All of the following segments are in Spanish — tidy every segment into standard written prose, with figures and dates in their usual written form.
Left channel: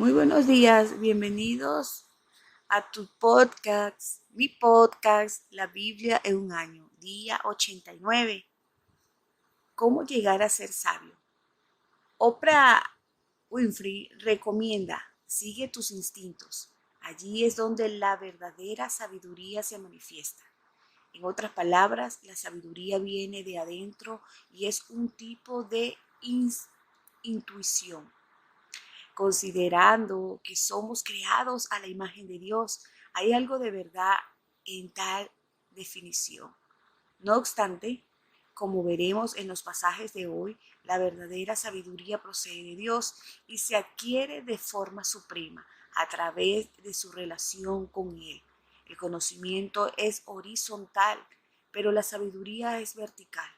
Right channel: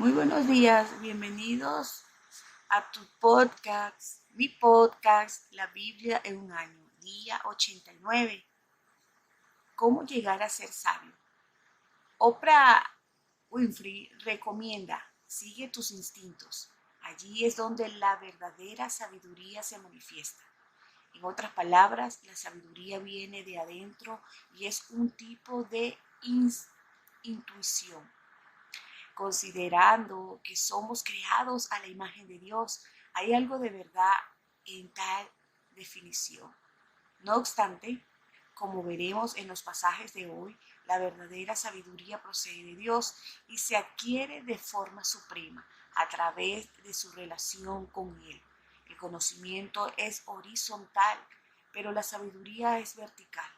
Muy buenos días, bienvenidos a tu podcast, mi podcast, La Biblia en un año, día 89. ¿Cómo llegar a ser sabio? Oprah Winfrey recomienda, sigue tus instintos. Allí es donde la verdadera sabiduría se manifiesta. En otras palabras, la sabiduría viene de adentro y es un tipo de intuición. Considerando que somos creados a la imagen de Dios, hay algo de verdad en tal definición. No obstante, como veremos en los pasajes de hoy, la verdadera sabiduría procede de Dios y se adquiere de forma suprema a través de su relación con Él. El conocimiento es horizontal, pero la sabiduría es vertical.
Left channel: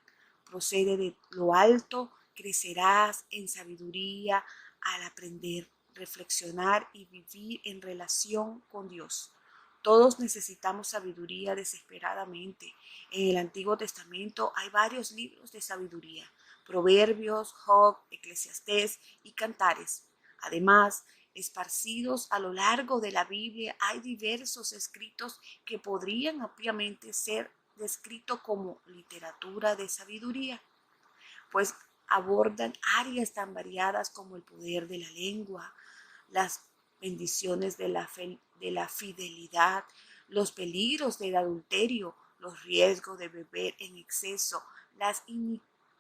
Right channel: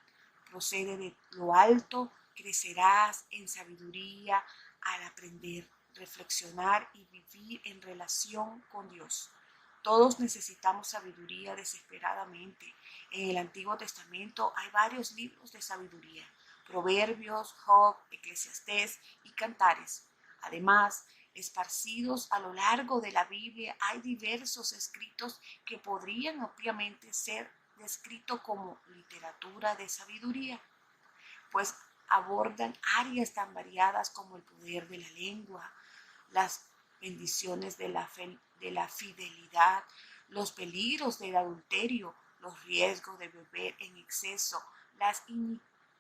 Procede de lo alto, crecerás en sabiduría al aprender, reflexionar y vivir en relación con Dios. Todos necesitamos sabiduría desesperadamente. En el Antiguo Testamento hay varios libros de sabiduría: Proverbios, Job, Eclesiastés y Cantares. Además, esparcidos a lo largo de la Biblia hay diversos escritos que podrían ampliamente ser descritos como literatura de sabiduría, pues abordan áreas tan variadas como el poder de la lengua, las bendiciones de la fidelidad, los peligros del adulterio, los riesgos de beber en exceso, las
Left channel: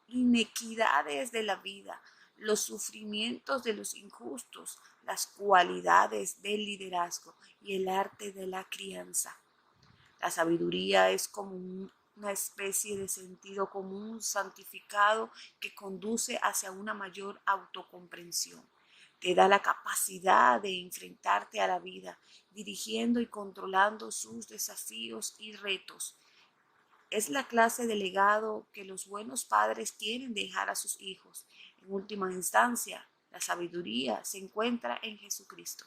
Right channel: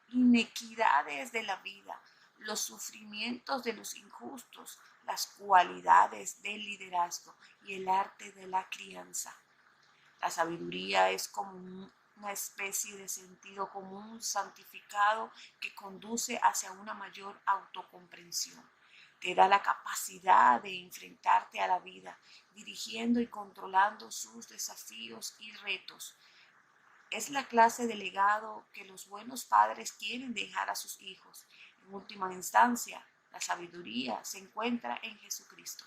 inequidades de la vida, los sufrimientos de los injustos, las cualidades del liderazgo y el arte de la crianza. La sabiduría es como una especie de sentido común santificado que conduce hacia una mayor autocomprensión. Te da la capacidad de enfrentarte a la vida, dirigiendo y controlando sus desafíos y retos. Es la clase de legado que los buenos padres quieren dejar a sus hijos. En última instancia, la sabiduría se encuentra en Jesucristo,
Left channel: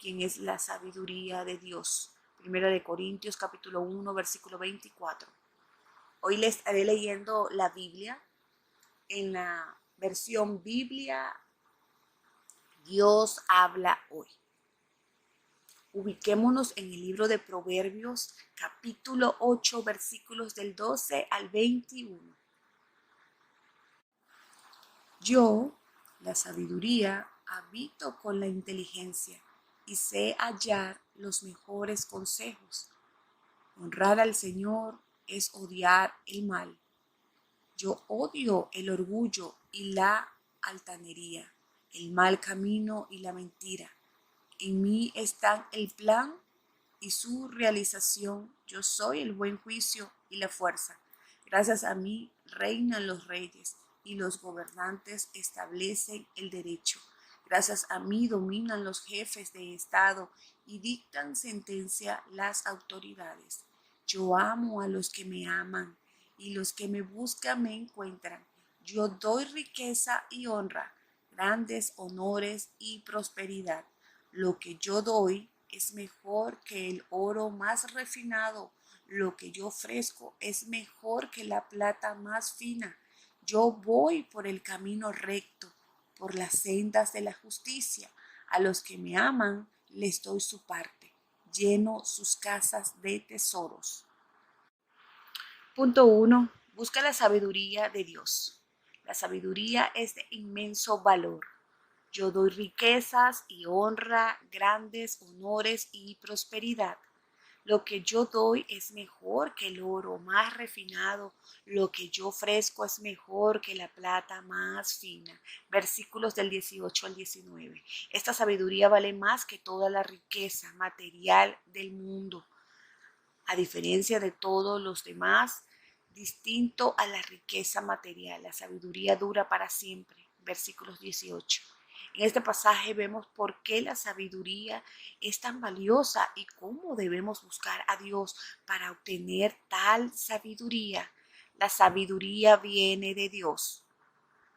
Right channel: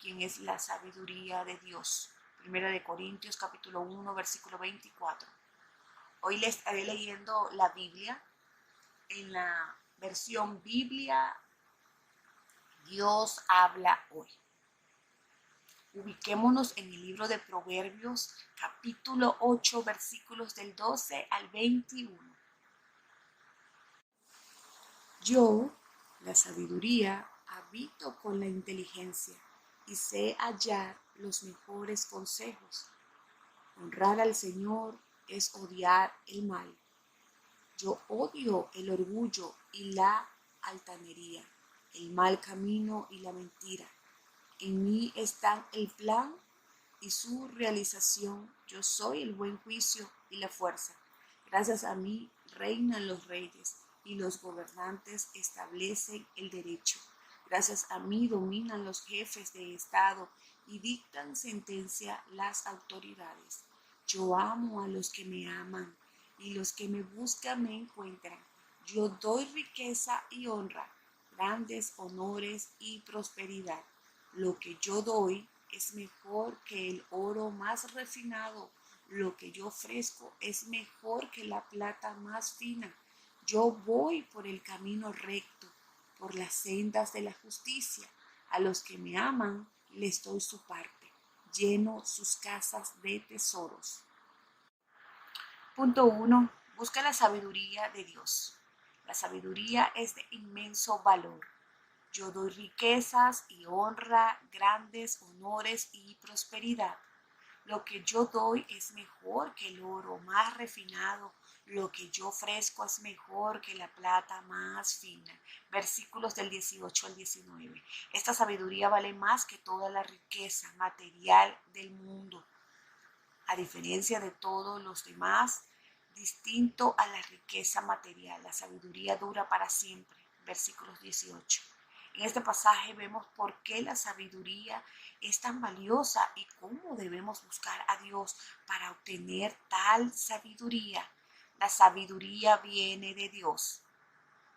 quien es la sabiduría de Dios. Primero de Corintios capítulo 1 versículo 24. Hoy les estaré leyendo la Biblia en la versión Biblia Dios habla hoy. Ubiquémonos en el libro de Proverbios capítulo 8 versículos del 12 al 21. Yo, la sabiduría, habito con la inteligencia y sé hallar los mejores consejos. Honrar al Señor es odiar el mal. Yo odio el orgullo y la altanería, el mal camino y la mentira. En mí están el plan y su realización. Yo soy el buen juicio y la fuerza. Gracias a mí reinan los reyes y los gobernantes establecen el derecho. Gracias a mí dominan los jefes de Estado y dictan sentencia las autoridades. Yo amo a los que me aman y los que me buscan me encuentran. Yo doy riqueza y honra, grandes honores y prosperidad. Lo que yo doy es mejor que el oro más refinado. Lo que yo ofrezco es mejor que la plata más fina. Yo voy por el camino recto, por las sendas de la justicia. A los que me aman les doy su parte. Lleno sus casas de tesoros. Punto 1. Busca la sabiduría de Dios. La sabiduría es de inmenso valor. Yo doy riquezas y honra, grandes honores y prosperidad. Lo que yo doy es mejor que el oro más refinado. Lo que yo ofrezco es mejor que la plata más fina. Versículos del 18 al 19. Esta sabiduría vale más que toda la riqueza material del mundo. A diferencia de todos los demás, distinto a la riqueza material, la sabiduría dura para siempre. Versículos 18. En este pasaje vemos por qué la sabiduría es tan valiosa y cómo debemos buscar a Dios para obtener tal sabiduría. La sabiduría viene de Dios.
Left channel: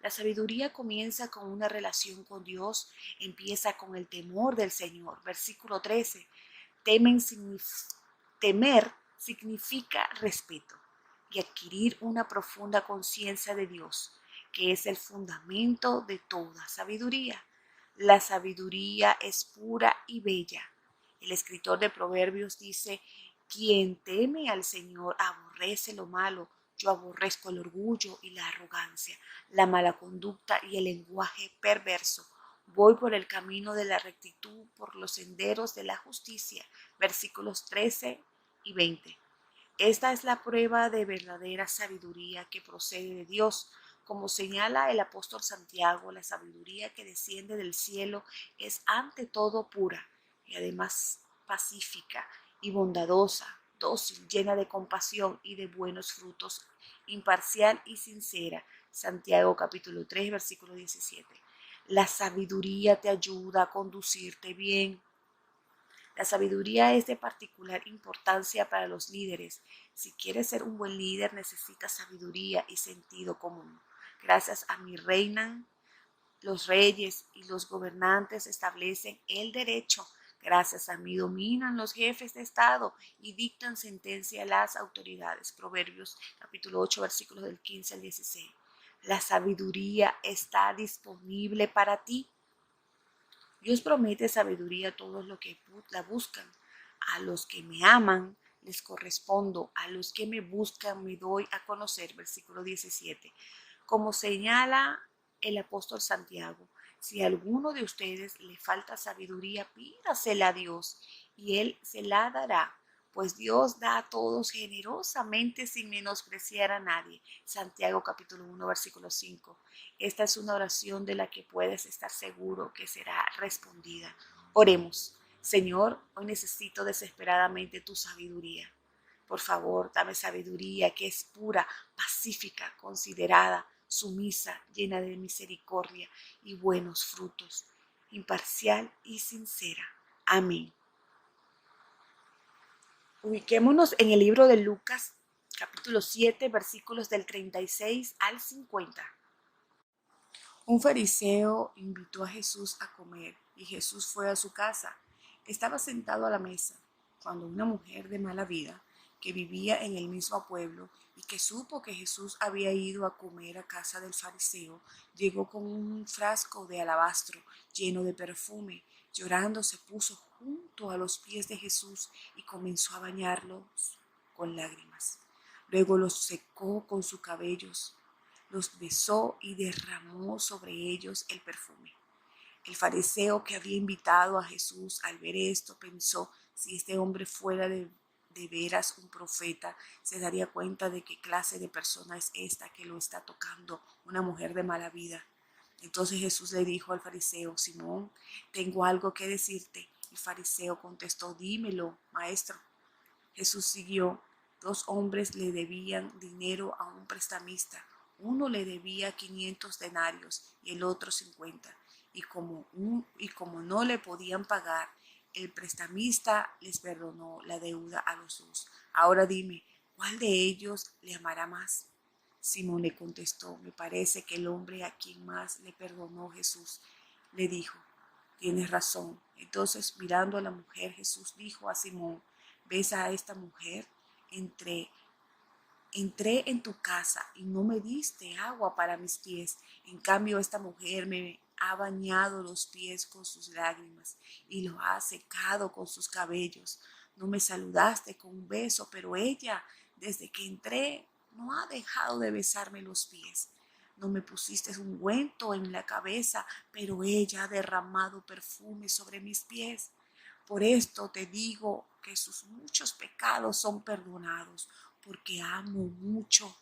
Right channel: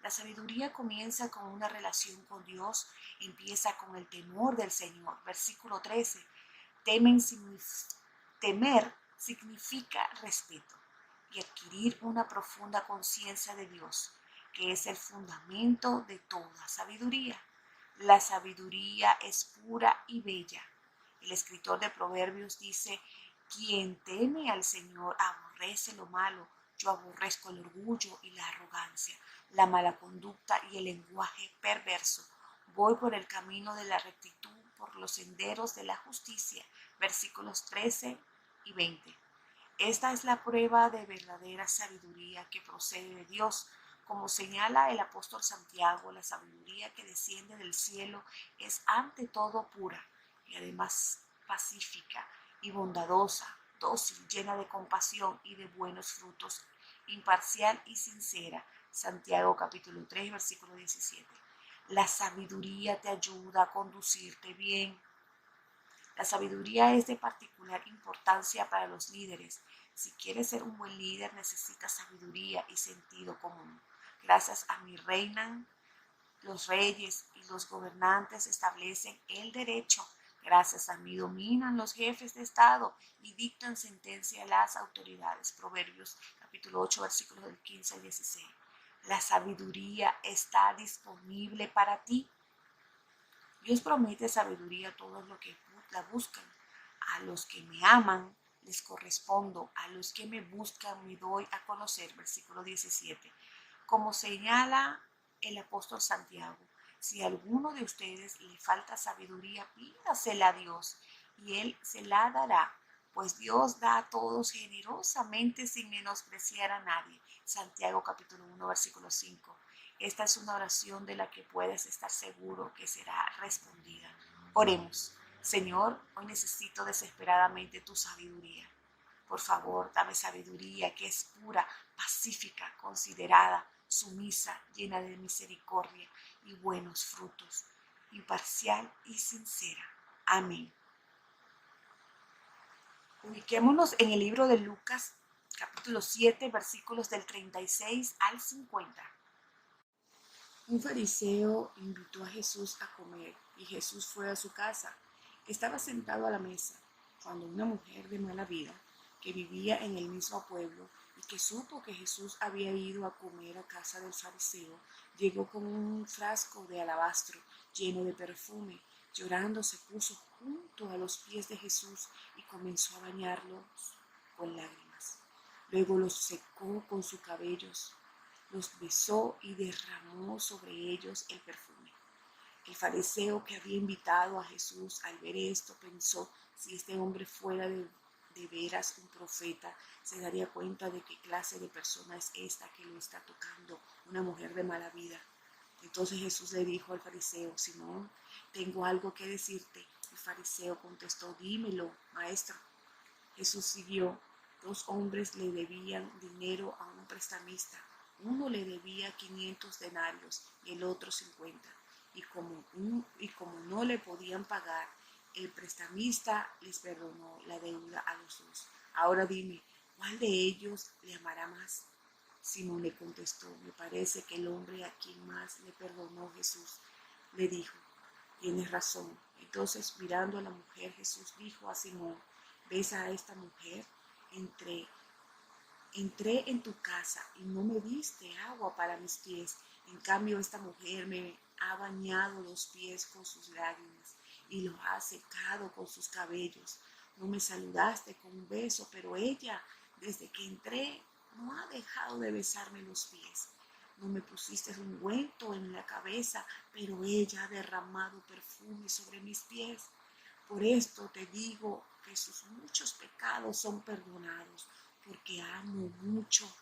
La sabiduría comienza con una relación con Dios, empieza con el temor del Señor. Versículo 13. Temer significa respeto y adquirir una profunda conciencia de Dios, que es el fundamento de toda sabiduría. La sabiduría es pura y bella. El escritor de Proverbios dice, quien teme al Señor aborrece lo malo. Yo aborrezco el orgullo y la arrogancia, la mala conducta y el lenguaje perverso. Voy por el camino de la rectitud, por los senderos de la justicia. Versículos 13 y 20. Esta es la prueba de verdadera sabiduría que procede de Dios. Como señala el apóstol Santiago, la sabiduría que desciende del cielo es ante todo pura y además pacífica y bondadosa, dócil, llena de compasión y de buenos frutos, imparcial y sincera. Santiago capítulo 3, versículo 17. La sabiduría te ayuda a conducirte bien. La sabiduría es de particular importancia para los líderes. Si quieres ser un buen líder, necesitas sabiduría y sentido común. Gracias a mí reinan los reyes y los gobernantes establecen el derecho. Gracias a mí dominan los jefes de Estado y dictan sentencia a las autoridades. Proverbios capítulo 8, versículos del 15 al 16. La sabiduría está disponible para ti. Dios promete sabiduría a todos los que la buscan. A los que me aman les correspondo, a los que me buscan me doy a conocer. Versículo 17. Como señala el apóstol Santiago, si a alguno de ustedes le falta sabiduría, pídasela a Dios y Él se la dará, pues Dios da a todos generosamente sin menospreciar a nadie. Santiago capítulo 1, versículo 5. Esta es una oración de la que puedes estar seguro que será respondida. Oremos. Señor, hoy necesito desesperadamente tu sabiduría. Por favor, dame sabiduría que es pura, pacífica, considerada, sumisa, llena de misericordia y buenos frutos, imparcial y sincera. Amén. Ubiquémonos en el libro de Lucas, capítulo 7, versículos del 36 al 50. Un fariseo invitó a Jesús a comer y Jesús fue a su casa. Estaba sentado a la mesa cuando una mujer de mala vida que vivía en el mismo pueblo y que supo que Jesús había ido a comer a casa del fariseo, llegó con un frasco de alabastro lleno de perfume. Llorando se puso junto a los pies de Jesús y comenzó a bañarlos con lágrimas. Luego los secó con sus cabellos, los besó y derramó sobre ellos el perfume. El fariseo que había invitado a Jesús al ver esto pensó, si este hombre fuera de veras un profeta, se daría cuenta de qué clase de persona es esta que lo está tocando, una mujer de mala vida. Entonces Jesús le dijo al fariseo, Simón, tengo algo que decirte. El fariseo contestó, dímelo, maestro. Jesús siguió. Dos hombres le debían dinero a un prestamista. Uno le debía 500 denarios y el otro 50. Y como no le podían pagar, el prestamista les perdonó la deuda a los dos. Ahora dime, ¿cuál de ellos le amará más? Simón le contestó, me parece que el hombre a quien más le perdonó Jesús. Le dijo, tienes razón. Entonces, mirando a la mujer, Jesús dijo a Simón, ¿ves a esta mujer? Entré en tu casa y no me diste agua para mis pies. En cambio, esta mujer me ha bañado los pies con sus lágrimas y los ha secado con sus cabellos. No me saludaste con un beso, pero ella, desde que entré, no ha dejado de besarme los pies. No me pusiste un ungüento en la cabeza, pero ella ha derramado perfume sobre mis pies. Por esto te digo que sus muchos pecados son perdonados, porque amo mucho.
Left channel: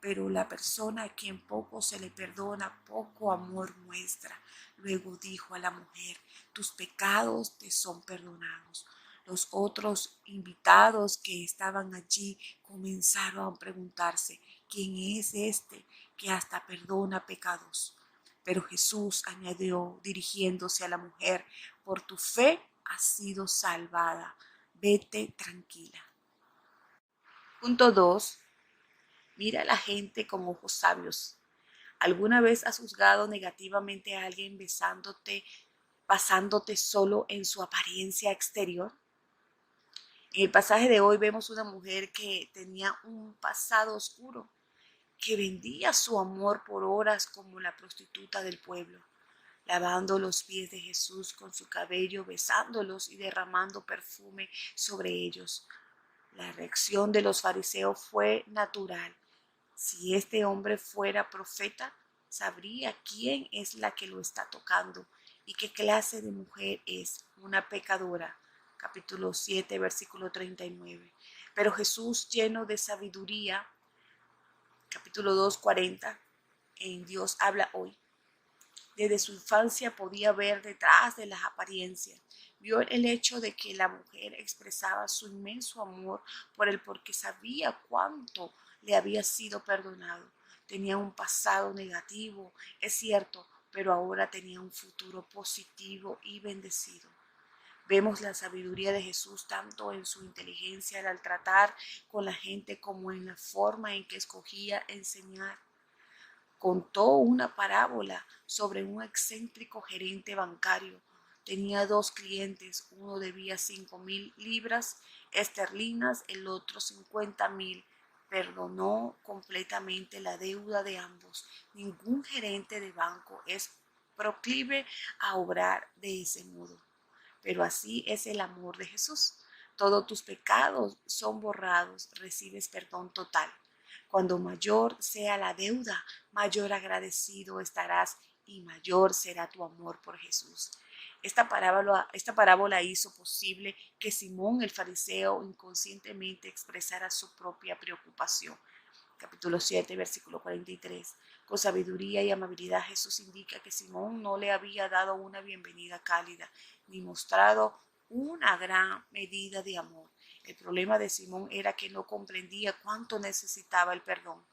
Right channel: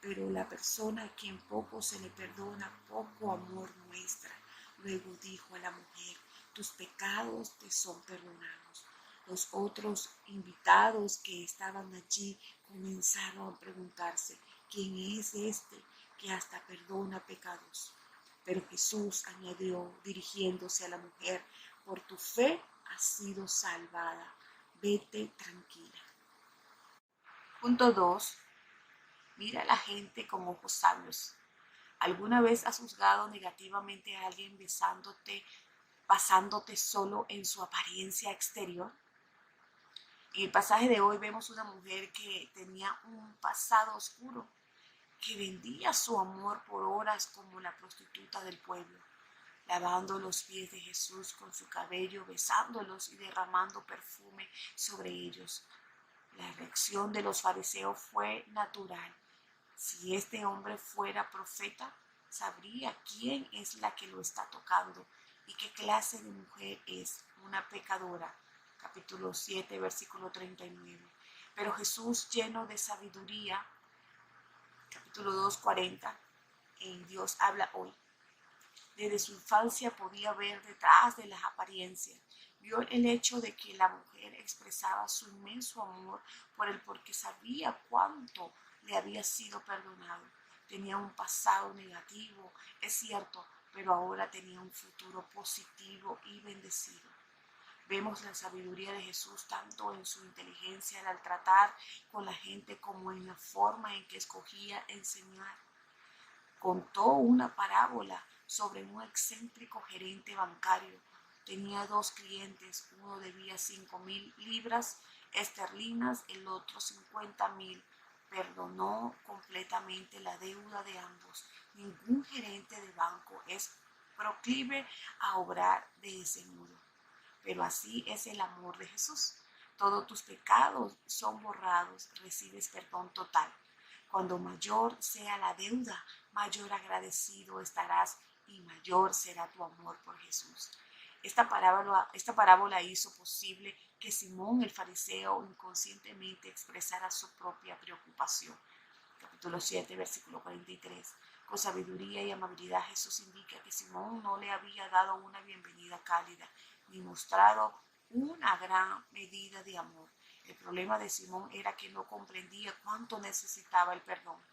Pero la persona a quien poco se le perdona, poco amor muestra. Luego dijo a la mujer, tus pecados te son perdonados. Los otros invitados que estaban allí comenzaron a preguntarse, ¿quién es este que hasta perdona pecados? Pero Jesús añadió, dirigiéndose a la mujer, por tu fe has sido salvada. Vete tranquila. Punto 2. Mira a la gente con ojos sabios. ¿Alguna vez has juzgado negativamente a alguien basándote solo en su apariencia exterior? En el pasaje de hoy vemos una mujer que tenía un pasado oscuro, que vendía su amor por horas como la prostituta del pueblo. lavando los pies de Jesús con su cabello, besándolos y derramando perfume sobre ellos. La reacción de los fariseos fue natural. Si este hombre fuera profeta, sabría quién es la que lo está tocando y qué clase de mujer es, una pecadora. Capítulo 7, versículo 39. Pero Jesús, lleno de sabiduría, capítulo 2, 40, en Dios habla hoy. Desde su infancia podía ver detrás de las apariencias. Vio el hecho de que la mujer expresaba su inmenso amor por él porque sabía cuánto le había sido perdonado. Tenía un pasado negativo, es cierto, pero ahora tenía un futuro positivo y bendecido. Vemos la sabiduría de Jesús tanto en su inteligencia al tratar con la gente como en la forma en que escogía enseñar. Contó una parábola sobre un excéntrico gerente bancario. Tenía dos clientes, uno debía 5,000 libras esterlinas, el otro 50,000. Perdonó completamente la deuda de ambos. Ningún gerente de banco es proclive a obrar de ese modo. Pero así es el amor de Jesús. Todos tus pecados son borrados, recibes perdón total. Cuando mayor sea la deuda, mayor agradecido estarás y mayor será tu amor por Jesús. Esta parábola hizo posible que Simón el fariseo inconscientemente expresara su propia preocupación. Capítulo 7, versículo 43. Con sabiduría y amabilidad Jesús indica que Simón no le había dado una bienvenida cálida ni mostrado una gran medida de amor. El problema de Simón era que no comprendía cuánto necesitaba el perdón.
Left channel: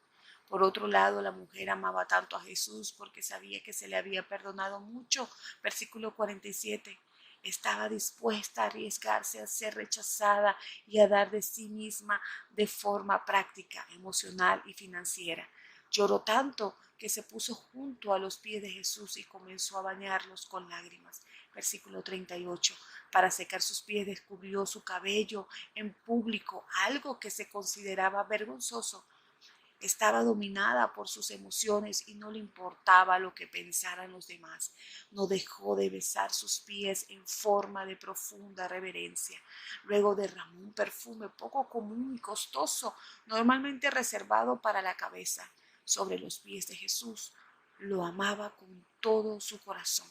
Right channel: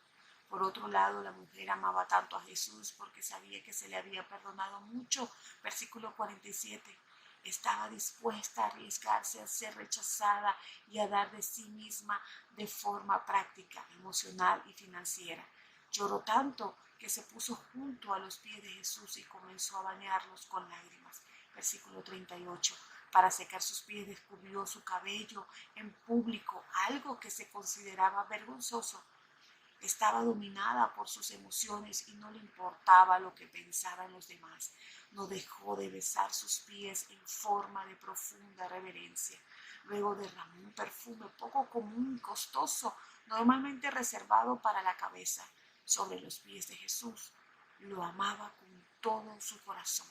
Por otro lado, la mujer amaba tanto a Jesús porque sabía que se le había perdonado mucho. Versículo 47. Estaba dispuesta a arriesgarse a ser rechazada y a dar de sí misma de forma práctica, emocional y financiera. Lloró tanto que se puso junto a los pies de Jesús y comenzó a bañarlos con lágrimas. Versículo 38. Para secar sus pies descubrió su cabello en público, algo que se consideraba vergonzoso. Estaba dominada por sus emociones y no le importaba lo que pensaran los demás. No dejó de besar sus pies en forma de profunda reverencia. Luego derramó un perfume poco común y costoso, normalmente reservado para la cabeza, sobre los pies de Jesús. Lo amaba con todo su corazón.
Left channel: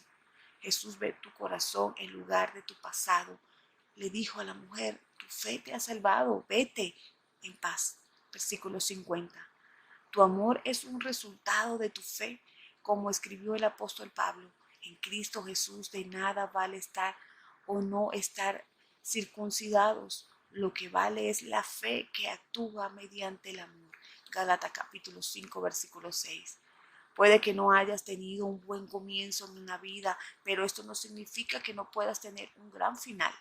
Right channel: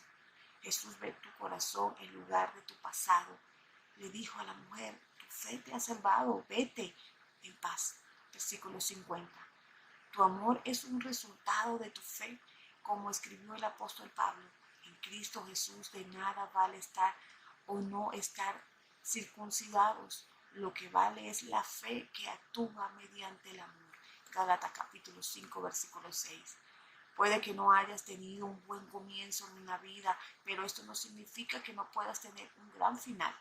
Jesús ve tu corazón en lugar de tu pasado. Le dijo a la mujer, tu fe te ha salvado, vete en paz. Versículo 50. Tu amor es un resultado de tu fe, como escribió el apóstol Pablo. En Cristo Jesús de nada vale estar o no estar circuncidados. Lo que vale es la fe que actúa mediante el amor. Gálatas capítulo 5, versículo 6. Puede que no hayas tenido un buen comienzo en una vida, pero esto no significa que no puedas tener un gran final.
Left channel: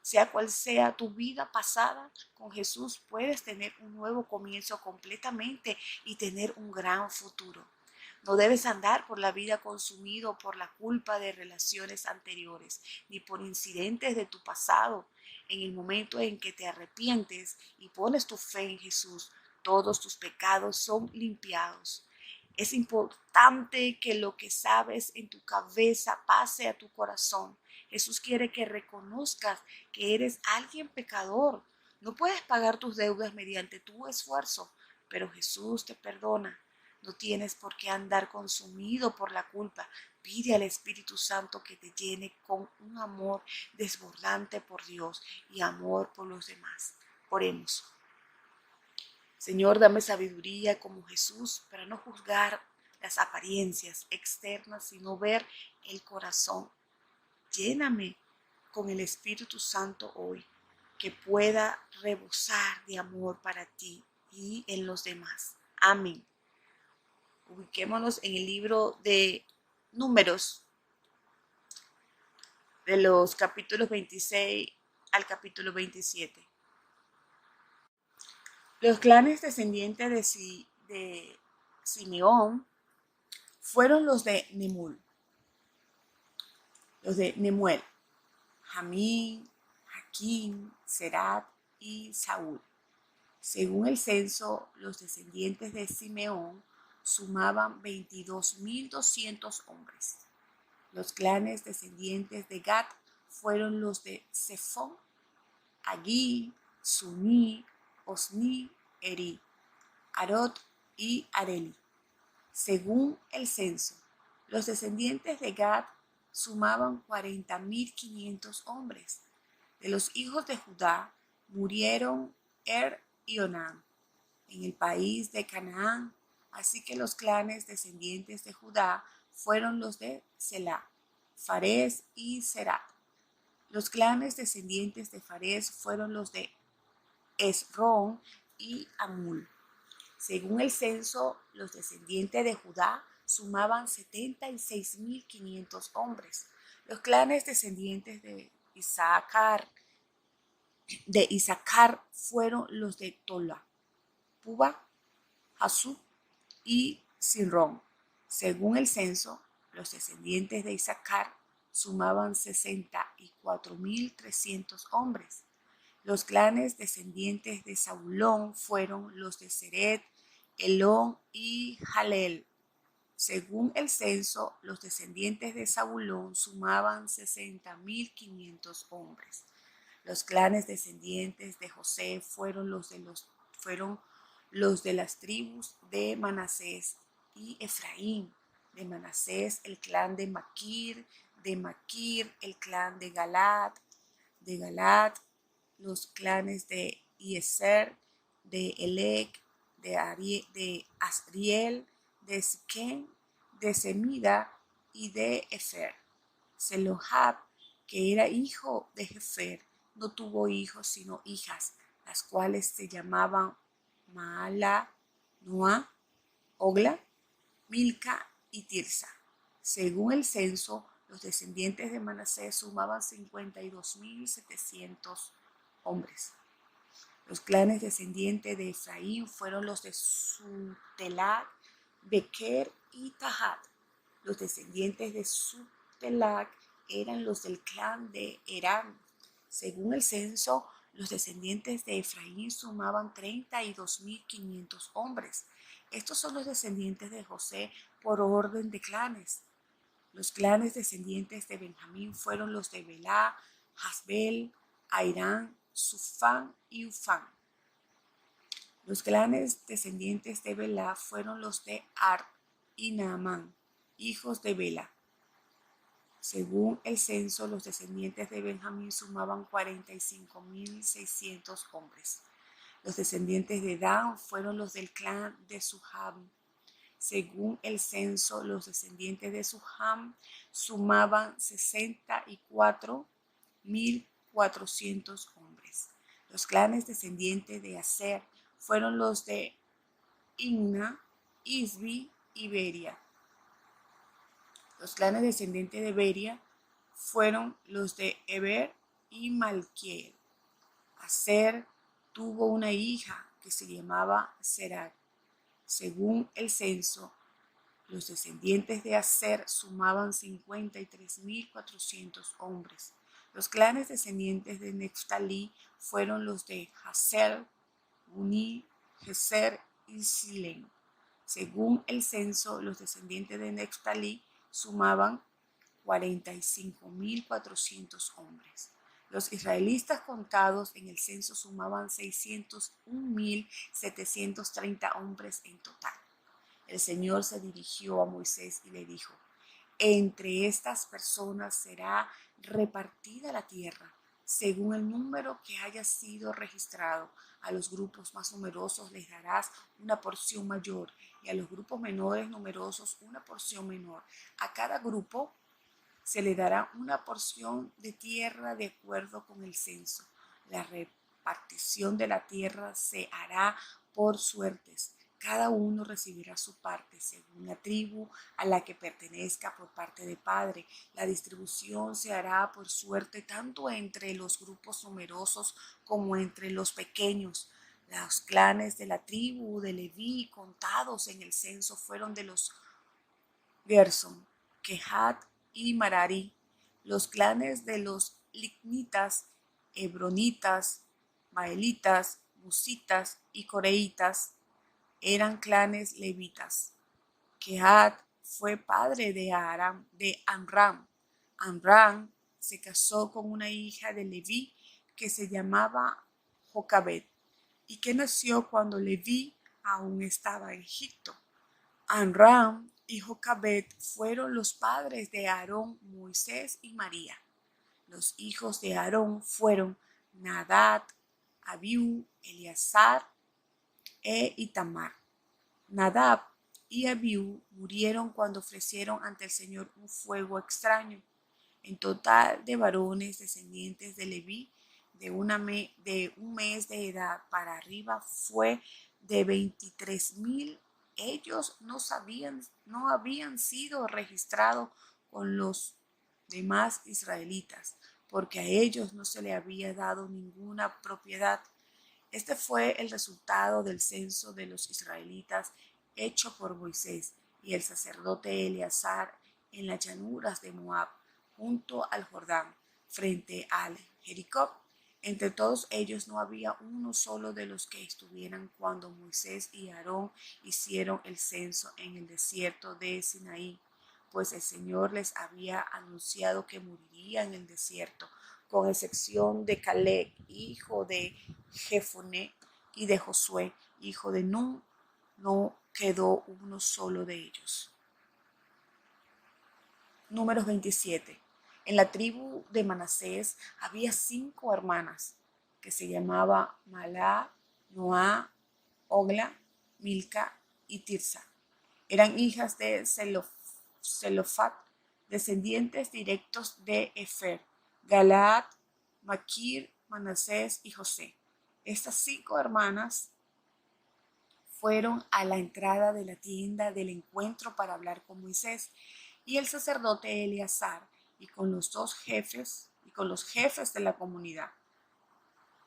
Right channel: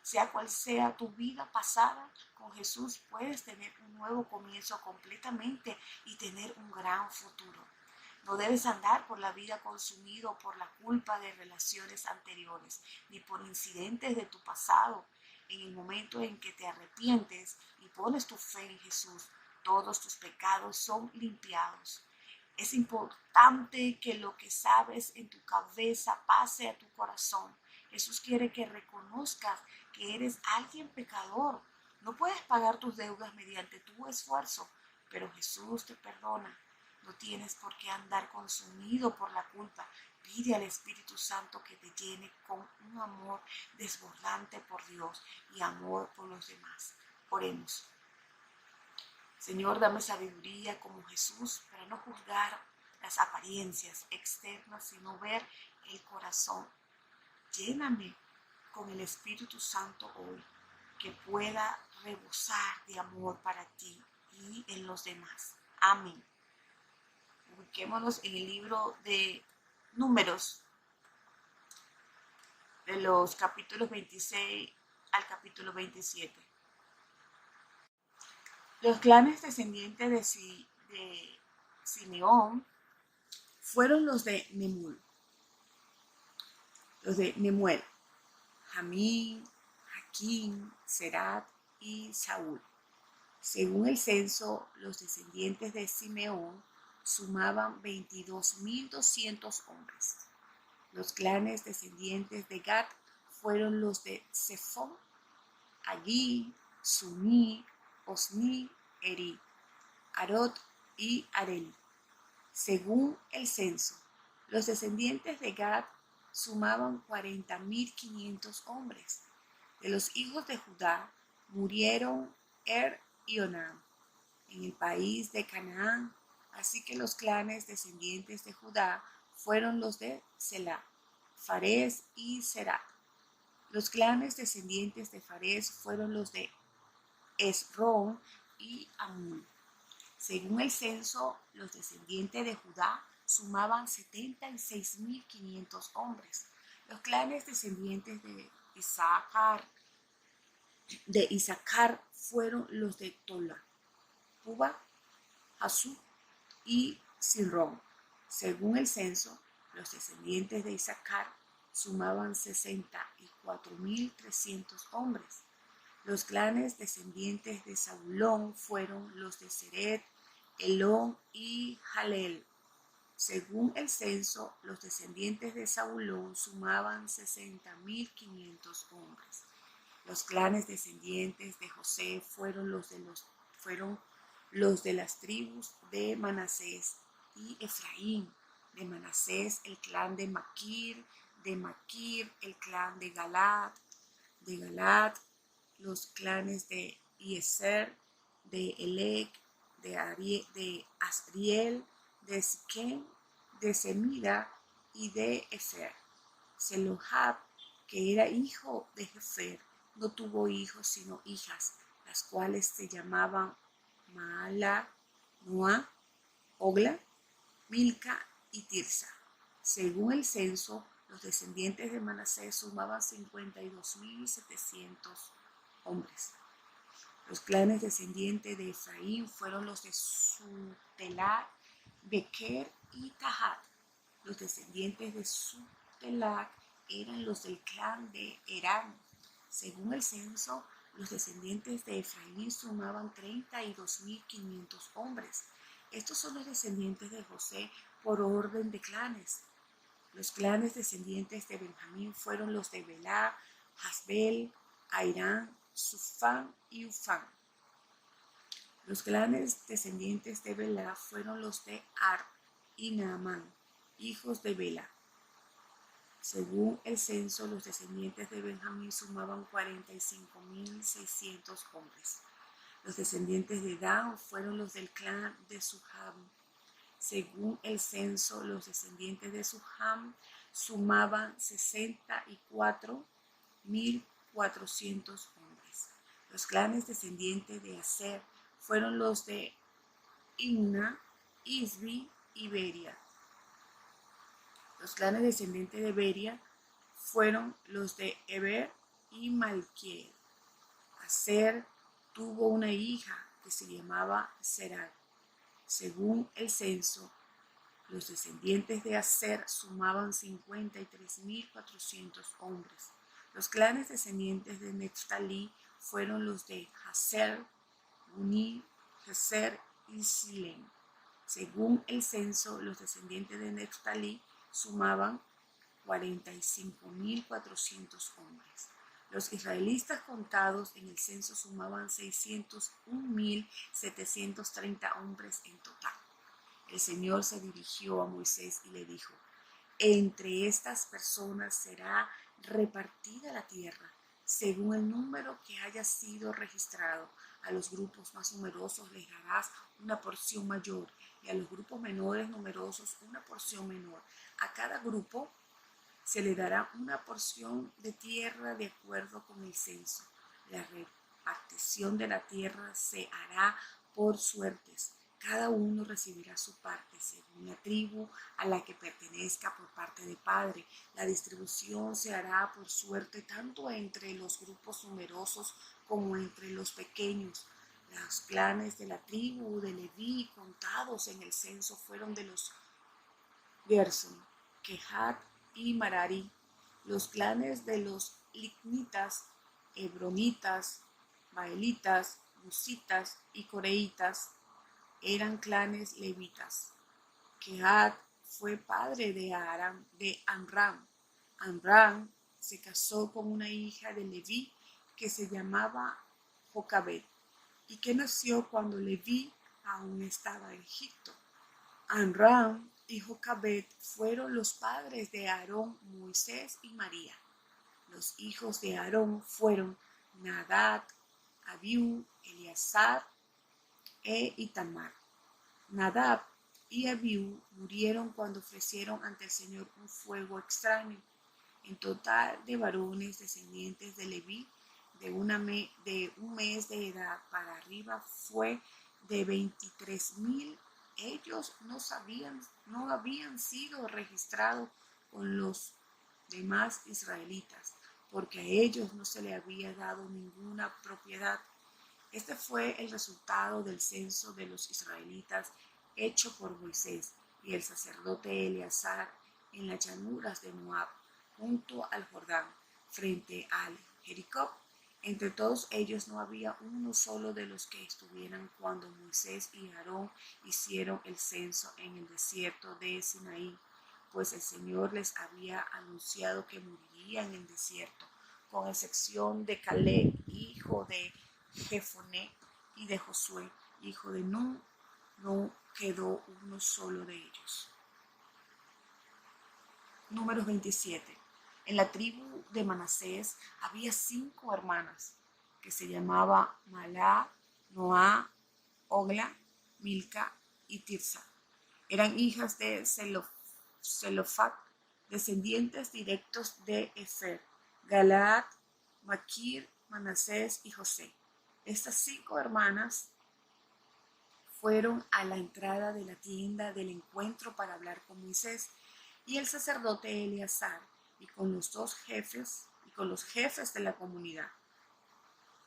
Sea cual sea tu vida pasada, con Jesús puedes tener un nuevo comienzo completamente y tener un gran futuro. No debes andar por la vida consumido por la culpa de relaciones anteriores, ni por incidentes de tu pasado. En el momento en que te arrepientes y pones tu fe en Jesús, todos tus pecados son limpiados. Es importante que lo que sabes en tu cabeza pase a tu corazón. Jesús quiere que reconozcas que eres alguien pecador. No puedes pagar tus deudas mediante tu esfuerzo, pero Jesús te perdona. No tienes por qué andar consumido por la culpa. Pide al Espíritu Santo que te llene con un amor desbordante por Dios y amor por los demás. Oremos. Señor, dame sabiduría como Jesús para no juzgar las apariencias externas, sino ver el corazón. Lléname con el Espíritu Santo hoy, que pueda rebosar de amor para ti y en los demás. Amén. Ubiquémonos en el libro de Números, de los capítulos 26 al capítulo 27. Los clanes descendientes de Simeón fueron los de Nemuel, Jamín, Jaquín, Serat y Saúl. Según el censo, los descendientes de Simeón sumaban 22,200 hombres. Los clanes descendientes de Gad fueron los de Zephón, Agui, Suní, Osni, Eri, Arod y Areli. Según el censo, los descendientes de Gad sumaban 40.500 hombres. De los hijos de Judá murieron y Onán en el país de Canaán, así que los clanes descendientes de Judá fueron los de Selá, Fares y Zerat. Los clanes descendientes de Fares fueron los de Esrón y Amul. Según el censo, los descendientes de Judá sumaban 76.500 hombres. Los clanes descendientes de Isaacar fueron los de Tola, Puba, Hasub y Sinrón. Según el censo, los descendientes de Isaacar sumaban 64.300 hombres. Los clanes descendientes de Zabulón fueron los de Seret, Elón y Jalel. Según el censo, los descendientes de Zabulón sumaban 60.500 hombres. Los clanes descendientes de José fueron los de las tribus de Manasés y Efraín. De Manasés el clan de Maquir el clan de Galad, los clanes de Ieser, de Elec, de Asriel, de Siquén, de Semida y de Efer. Selohab, que era hijo de Jefer, no tuvo hijos sino hijas, las cuales se llamaban Maala, Noa, Ogla, Milca y Tirsa. Según el censo, los descendientes de Manasés sumaban 52.700 hombres. Los clanes descendientes de Efraín fueron los de Sutelac, Bequer y Tahat. Los descendientes de Sutelac eran los del clan de Herán. Según el censo, los descendientes de Efraín sumaban 32.500 hombres. Estos son los descendientes de José por orden de clanes. Los clanes descendientes de Benjamín fueron los de Belá, Hasbel, Airán, Sufán y Ufán. Los clanes descendientes de Belá fueron los de Ar y Naamán, hijos de Bela. Según el censo, los descendientes de Benjamín sumaban 45.600 hombres. Los descendientes de Dan fueron los del clan de Suham. Según el censo, los descendientes de Suham sumaban 64.400 hombres. Los clanes descendientes de Aser fueron los de Imna, Isbi y Beria. Los clanes descendientes de Beria fueron los de Eber y Malquiel. Aser tuvo una hija que se llamaba Serat. Según el censo, los descendientes de Aser sumaban 53.400 hombres. Los clanes descendientes de Neftalí fueron los de Haser, Guni, Geser y Silén. Según el censo, los descendientes de Neftalí sumaban 45.400 hombres. Los israelitas contados en el censo sumaban 601.730 hombres en total. El Señor se dirigió a Moisés y le dijo: entre estas personas será repartida la tierra, según el número que haya sido registrado. A los grupos más numerosos les darás una porción mayor y a los grupos menores numerosos una porción menor. A cada grupo se le dará una porción de tierra de acuerdo con el censo. La repartición de la tierra se hará por suertes. Cada uno recibirá su parte según la tribu a la que pertenezca por parte de padre. La distribución se hará por suerte tanto entre los grupos numerosos como entre los pequeños. Los clanes de la tribu de Leví contados en el censo fueron de los Gerson, Kehat y Marari. Los clanes de los lignitas, hebronitas, maelitas, musitas y coreitas eran clanes levitas. Kehat fue padre de Amram. Amram se casó con una hija de Leví que se llamaba Jocabed y que nació cuando Leví aún estaba en Egipto. Amram y Jocabed fueron los padres de Aarón, Moisés y María. Los hijos de Aarón fueron Nadab, Abiú, Eleazar e Itamar. Nadab y Abiú murieron cuando ofrecieron ante el Señor un fuego extraño. En total de varones descendientes de Leví de un mes de edad para arriba fue de 23,000. Ellos no habían sido registrados con los demás israelitas, porque a ellos no se le había dado ninguna propiedad. Este fue el resultado del censo de los israelitas hecho por Moisés y el sacerdote Eleazar en las llanuras de Moab, junto al Jordán, frente al Jericó. Entre todos ellos no había uno solo de los que estuvieran cuando Moisés y Aarón hicieron el censo en el desierto de Sinaí, pues el Señor les había anunciado que moriría en el desierto, con excepción de Caleb, hijo de Jefoné, y de Josué, hijo de Nun, no quedó uno solo de ellos. Números 27. En la tribu de Manasés había 5 hermanas que se llamaban Malá, Noá, Ogla, Milca y Tirsa. Eran hijas de Zelofat, descendientes directos de Efer, Galaad, Maquir, Manasés y José. Estas 5 hermanas fueron a la entrada de la tienda del encuentro para hablar con Moisés y el sacerdote Eleazar y con los jefes de la comunidad.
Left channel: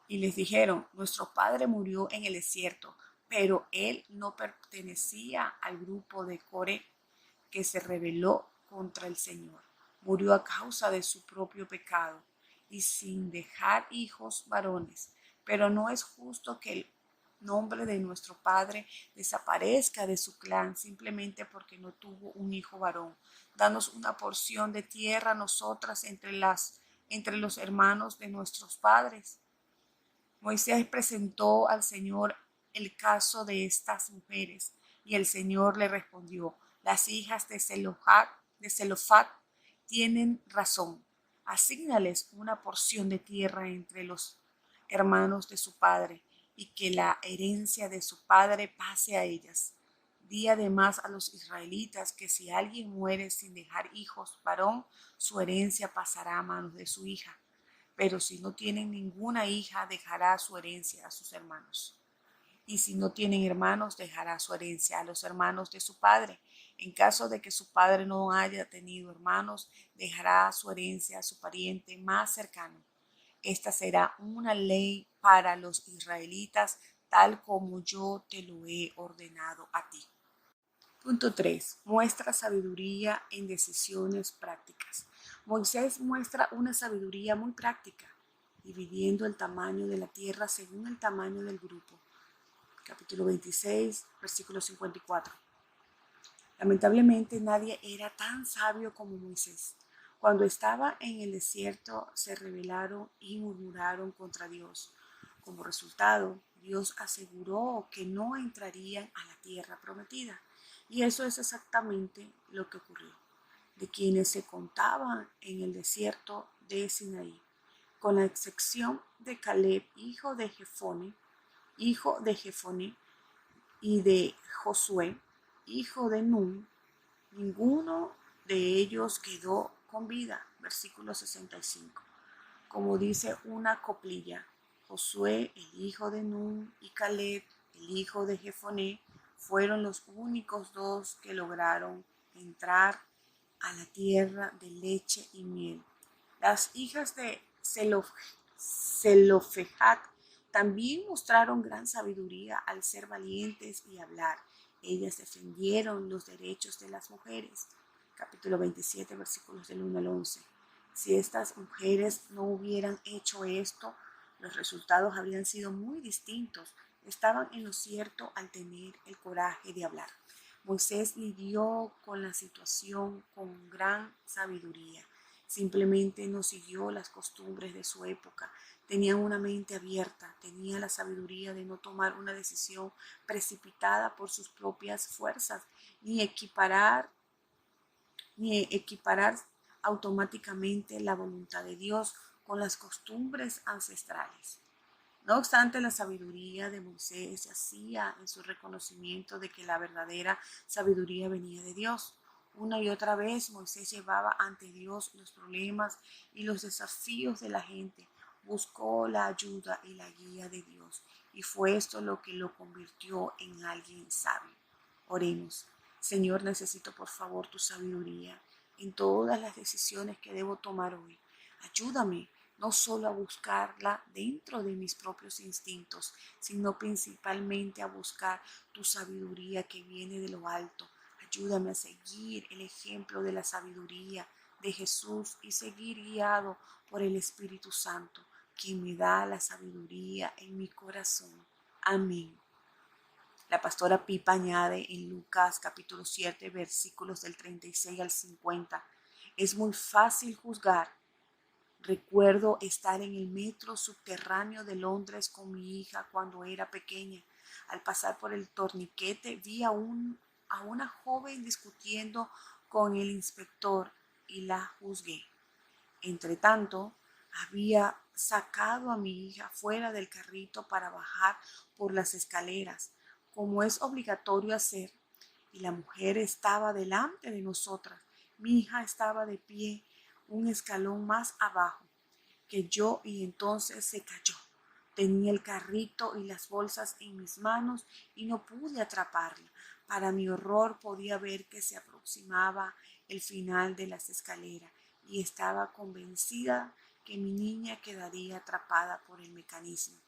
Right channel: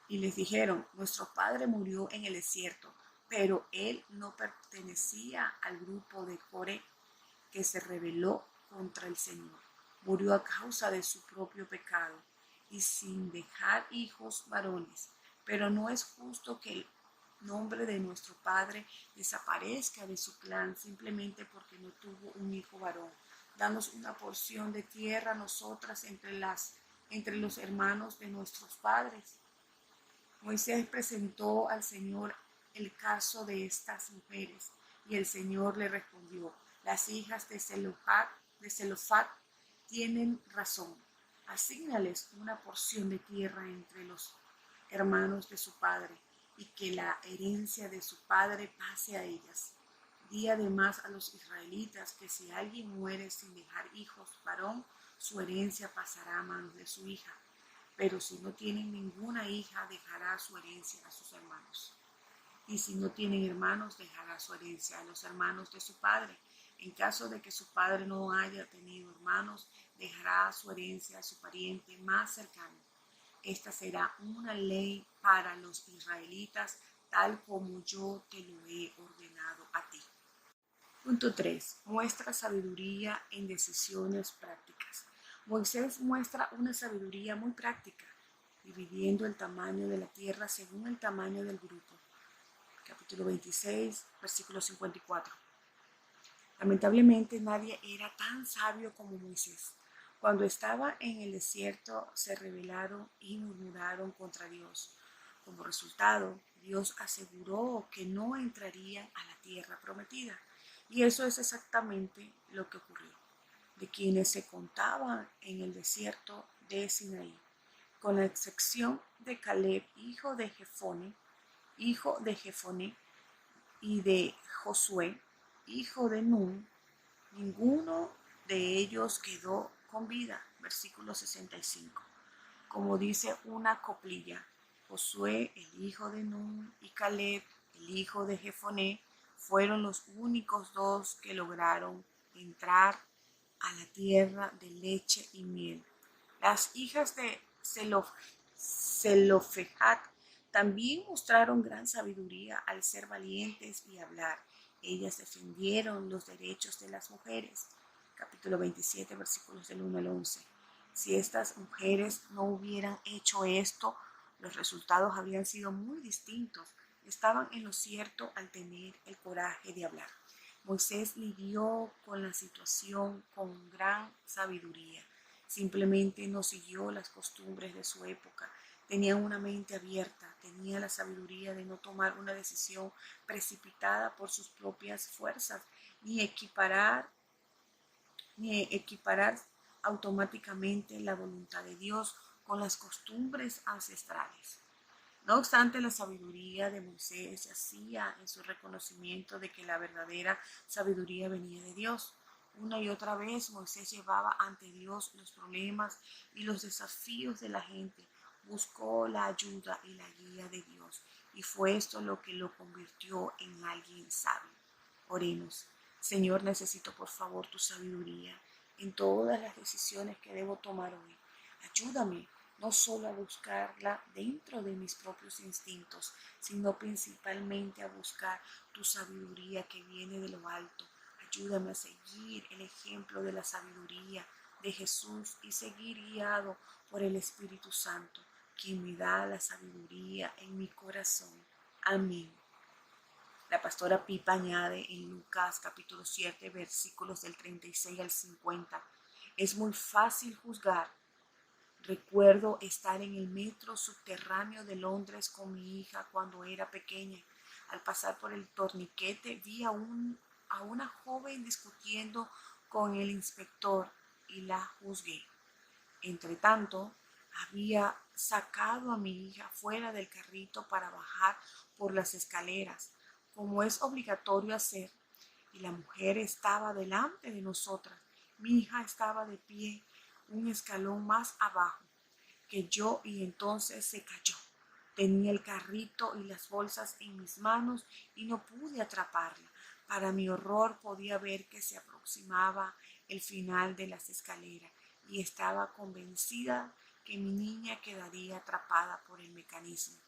Y les dijeron: nuestro padre murió en el desierto, pero él no pertenecía al grupo de Coré que se rebeló contra el Señor. Murió a causa de su propio pecado y sin dejar hijos varones. Pero no es justo que el nombre de nuestro padre desaparezca de su clan simplemente porque no tuvo un hijo varón. Danos una porción de tierra a nosotras entre los hermanos de nuestros padres. Moisés presentó al Señor el caso de estas mujeres y el Señor le respondió: las hijas de Zelofat tienen razón. Asígnales una porción de tierra entre los hermanos de su padre y que la herencia de su padre pase a ellas. Di además a los israelitas que si alguien muere sin dejar hijos varón, su herencia pasará a manos de su hija. Pero si no tienen ninguna hija, dejará su herencia a sus hermanos. Y si no tienen hermanos, dejará su herencia a los hermanos de su padre. En caso de que su padre no haya tenido hermanos, dejará su herencia a su pariente más cercano. Esta será una ley para los israelitas, tal como yo te lo he ordenado a ti. Punto 3. Muestra sabiduría en decisiones prácticas. Moisés muestra una sabiduría muy práctica, dividiendo el tamaño de la tierra según el tamaño del grupo. Capítulo 26, versículo 54. Lamentablemente nadie era tan sabio como Moisés. Cuando estaba en el desierto se rebelaron y murmuraron contra Dios. Como resultado, Dios aseguró que no entrarían a la tierra prometida. Y eso es exactamente lo que ocurrió. De quienes se contaban en el desierto de Sinaí, con la excepción de Caleb, hijo de Jefone, y de Josué, hijo de Nun, ninguno de ellos quedó con vida. Versículo 65. Como dice una coplilla: Josué, el hijo de Nun, y Caleb, el hijo de Jefone, fueron los únicos 2 que lograron entrar a la tierra de leche y miel. Las hijas de Zelofejat también mostraron gran sabiduría al ser valientes y hablar. Ellas defendieron los derechos de las mujeres. Capítulo 27, versículos del 1 al 11. Si estas mujeres no hubieran hecho esto, los resultados habrían sido muy distintos. Estaban en lo cierto al tener el coraje de hablar. Moisés lidió con la situación con gran sabiduría. Simplemente no siguió las costumbres de su época. Tenía una mente abierta, tenía la sabiduría de no tomar una decisión precipitada por sus propias fuerzas, ni equiparar automáticamente la voluntad de Dios con las costumbres ancestrales. No obstante, la sabiduría de Moisés se hacía en su reconocimiento de que la verdadera sabiduría venía de Dios. Una y otra vez Moisés llevaba ante Dios los problemas y los desafíos de la gente. Buscó la ayuda y la guía de Dios. Y fue esto lo que lo convirtió en alguien sabio. Oremos. Señor, necesito por favor tu sabiduría en todas las decisiones que debo tomar hoy. Ayúdame no solo a buscarla dentro de mis propios instintos, sino principalmente a buscar tu sabiduría que viene de lo alto. Ayúdame a seguir el ejemplo de la sabiduría de Jesús y seguir guiado por el Espíritu Santo, quien me da la sabiduría en mi corazón. Amén. La pastora Pipa añade en Lucas capítulo 7 versículos del 36 al 50. Es muy fácil juzgar. Recuerdo estar en el metro subterráneo de Londres con mi hija cuando era pequeña. Al pasar por el torniquete vi a una joven discutiendo con el inspector y la juzgué. Entretanto, había sacado a mi hija fuera del carrito para bajar por las escaleras, como es obligatorio hacer, y la mujer estaba delante de nosotras. Mi hija estaba de pie, un escalón más abajo que yo, y entonces se cayó. Tenía el carrito y las bolsas en mis manos y no pude atraparla. Para mi horror podía ver que se aproximaba el final de las escaleras y estaba convencida que mi niña quedaría atrapada por el mecanismo.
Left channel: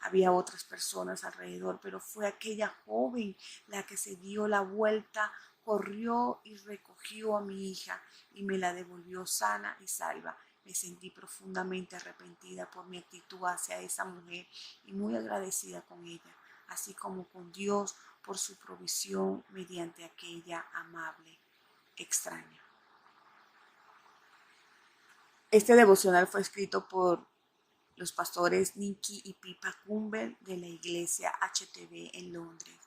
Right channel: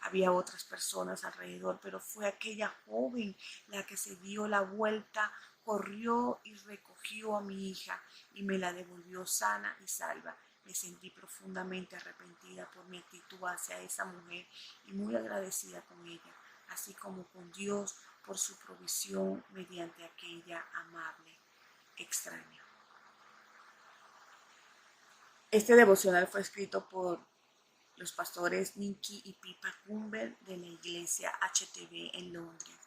Había otras personas alrededor, pero fue aquella joven la que se dio la vuelta, corrió y recogió a mi hija y me la devolvió sana y salva. Me sentí profundamente arrepentida por mi actitud hacia esa mujer y muy agradecida con ella, así como con Dios por su provisión mediante aquella amable extraña. Este devocional fue escrito por los pastores Nicky y Pipa Cumbel de la iglesia HTV en Londres.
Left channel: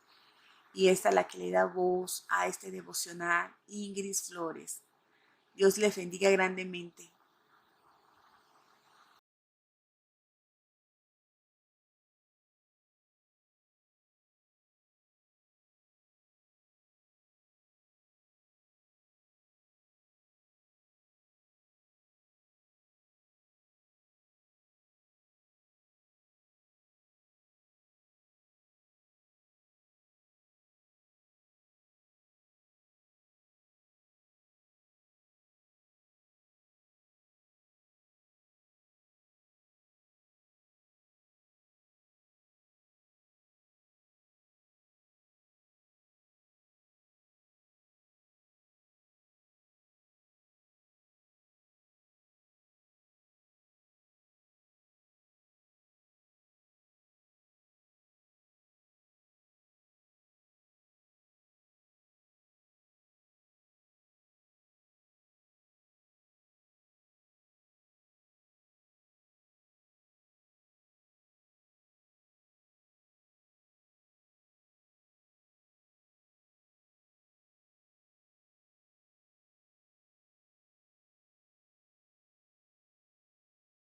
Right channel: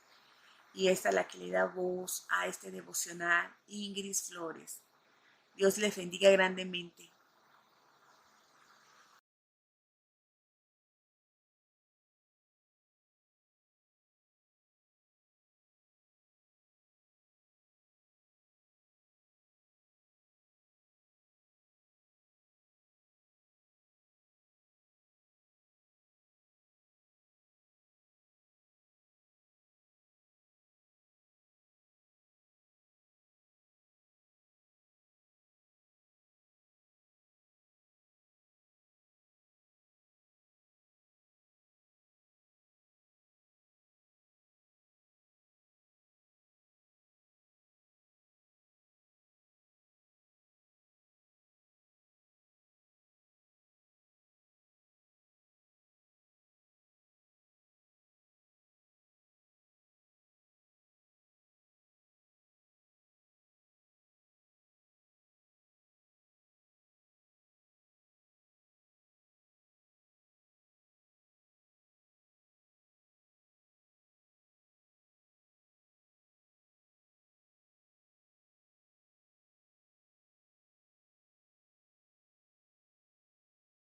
Y esta es la que le da voz a este devocional, Ingrid Flores. Dios les bendiga grandemente.